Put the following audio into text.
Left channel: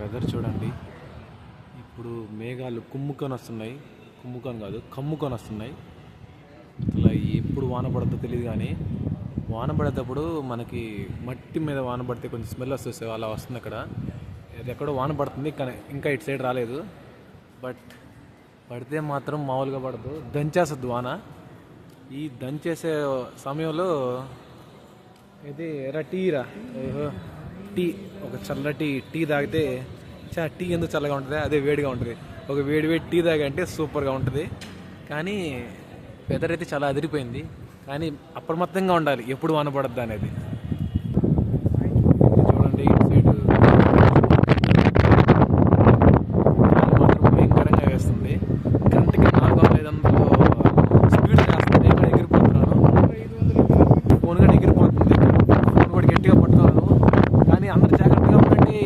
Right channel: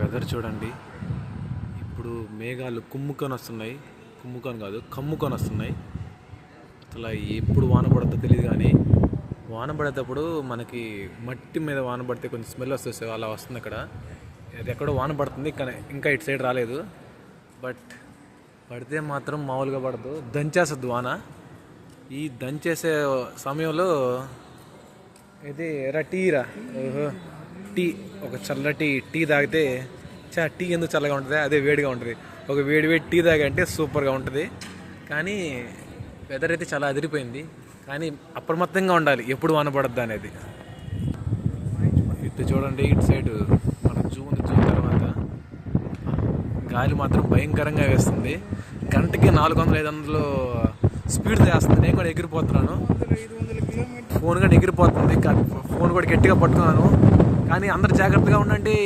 Weather చూడండి. ఇప్పుడు మేఘాలు కుమ్ముకొని వస్తున్నాయి కుమ్ముకొని కాదు కమ్ముకొని వస్తున్నాయి అసలు ఎప్పుడు వాన పడద్దో తెలియదు కానీ వాన పడేటప్పుడు మనకి మట్టి మీద వాన పడితే కొంచెం స్మెల్ వస్తుంది అలా వస్తుంది అక్కడ. అది ఎక్కడో వాన పడుతుంది కానీ ఇంకా ఇటు సైడ్ రాలేదు. బట్ పడితే మాత్రం మామూలుగా పడదు. దంచేస్తుంది వాన. ఈ దంచేసే సమయంలో ఇది రా టీరా. ఓహో. టీ ఒక చల్లటి టీ తాగితే చా టీ ఎందుకు చల్లగా ఉంటుంది? అదే వేడిగా ఉంటుంది. ఒక వేడి వేడి టీ తాగంటే సూపర్గా ఉంటుంది. కానీ వెదర్ అయితే చాలా అదిరిపోయింది. కానీ అప్రమత్తంగా ఉండాలి. ఎప్పుడు వాన పడద్దు అనేది. చూడండి ఇటు సైడ్ గాలి మాత్రం భయంకరంగా వేస్తుంది. గంటకి నాలుగు వందల ఐదు వందలు స్పీడ్ చేస్తుంది. నేను కూడా ఎగిరిపోతున్నాను. ఫోన్ కూడా ఎగిరిపోతుంది. ఫోన్ కూడా గట్టిగా పట్టుకున్నాను. కానీ అందరు జాగ్రత్తగా ఉండండి.